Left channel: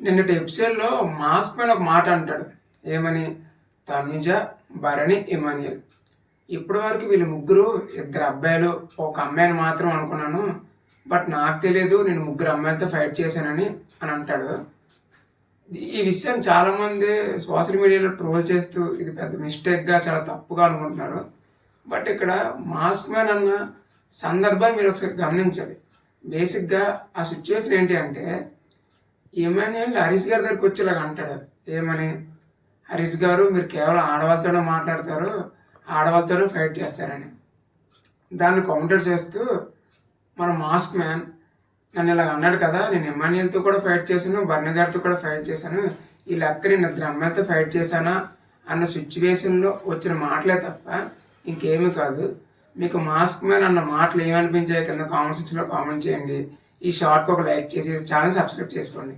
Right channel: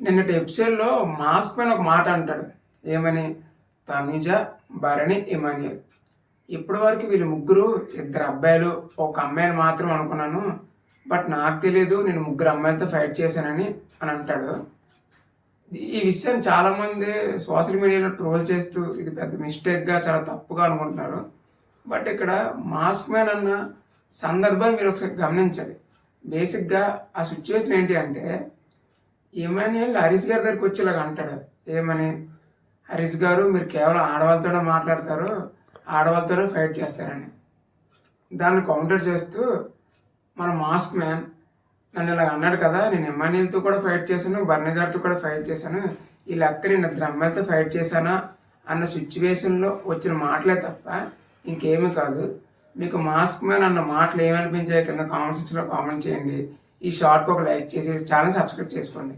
నిన్నటి ఎపిసోడ్‌లో mask man ఒక మాట అంటాడు. ఏమని? తనుజ, భరణి, ఇమాన్యుల్. ఇప్పటి వరకు వీళ్ళు ముగ్గురు ఇద్దరు అబ్బాయిలు, ఒక అమ్మాయిని మాత్రం అనుకున్నాను. బట్ నాకు తెలీదు నేను ముగ్గురు అమ్మాయిలతో ఫైట్ చేశానని అని అంటాడు. ఈ విషయాన్ని చాలామంది సోషల్ మీడియాలో ట్రోల్ చేస్తూ ఇది పెద్ద మిస్టేక్‌గా చాలా తప్పుగా అనుకుంటున్నారు. బట్ ఇక్కడ మాస్క్ మ్యాన్ అన్న సందర్భాన్ని మీరు ఒకసారి గమనించాలి. బేసిక్‌గా ఆ సిట్యుయేషన్ ఏంటి అంటే ఇమాన్యుయల్ హరీష్ గారి దగ్గరికి వచ్చి ఇలాగ అంటాడు. ఏమని? హరీష్ గారు మీరు కేవలం ఆడవాళ్ళతోనే మాట్లాడతారు, ఆడవాళ్ళతోనే ఫైట్ చేస్తారని. దాన్ని కౌంటర్ చేస్తూ మన మాస్క్ మ్యాన్ నన్ను ఇలాగ అన్నాడు కదా, నేను ఇమాన్యుయల్తో కూడా ఫైట్ చేశాను, బర్ణ గారితో కూడా ఫైట్ చేశాను, ఈ లెక్క నేను ఇద్దరు అమ్మాయిలతో ఫైట్ చేశానా అన్న సిచ్యువేషన్లో వచ్చిన మాటలే తప్ప ఇంకేమీ కాదు. మీకు మాస్క్ మ్యాన్ అన్న మాటలు ఏమనిపించాయి కింద కామెంట్ సెక్షన్లో కామెంట్ చేయండి. ఈ షార్ట్కి ఒక లైక్ చేసి ఛానల్ సబ్స్క్రైబ్ చేసుకోండి.